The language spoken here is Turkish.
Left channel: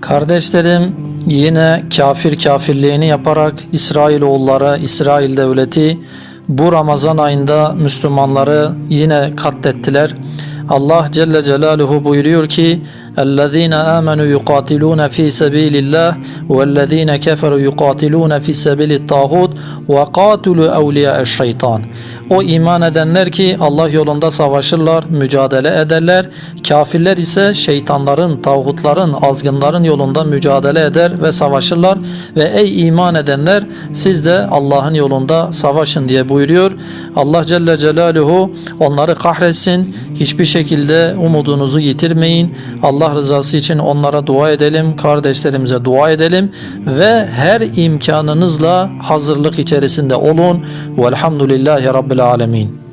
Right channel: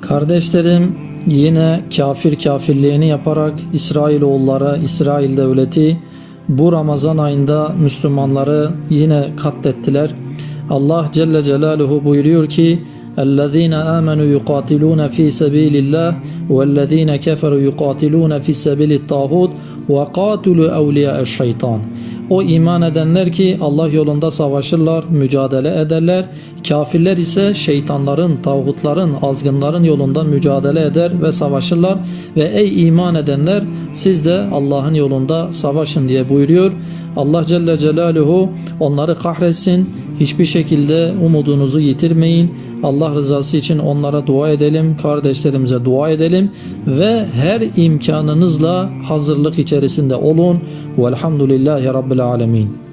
Kardeşlerim yine kafir kafirliğini yaparak İsrailoğulları, İsrail devleti bu Ramazan ayında Müslümanları yine katlettiler. Allah Celle Celaluhu buyuruyor ki اَلَّذ۪ينَ آمَنُوا يُقَاتِلُونَ ف۪ي سَب۪يلِ اللّٰهِ وَالَّذ۪ينَ كَفَرُوا يُقَاتِلُونَ ف۪ي سَب۪يلِ الطَّاغُوتِ وَقَاتُلُوا اَوْلِيَاءَ الشَّيْطَانِ o iman edenler ki Allah yolunda savaşırlar, mücadele ederler. Kafirler ise şeytanların, tağutların, azgınların yolunda mücadele eder ve savaşırlar. Ve ey iman edenler siz de Allah'ın yolunda savaşın diye buyuruyor. Allah Celle Celaluhu onları kahretsin. Hiçbir şekilde umudunuzu yitirmeyin. Allah rızası için onlara dua edelim, kardeşlerimize dua edelim ve her imkanınızla hazırlık içerisinde olun. Velhamdülillahi Rabbil Alemin.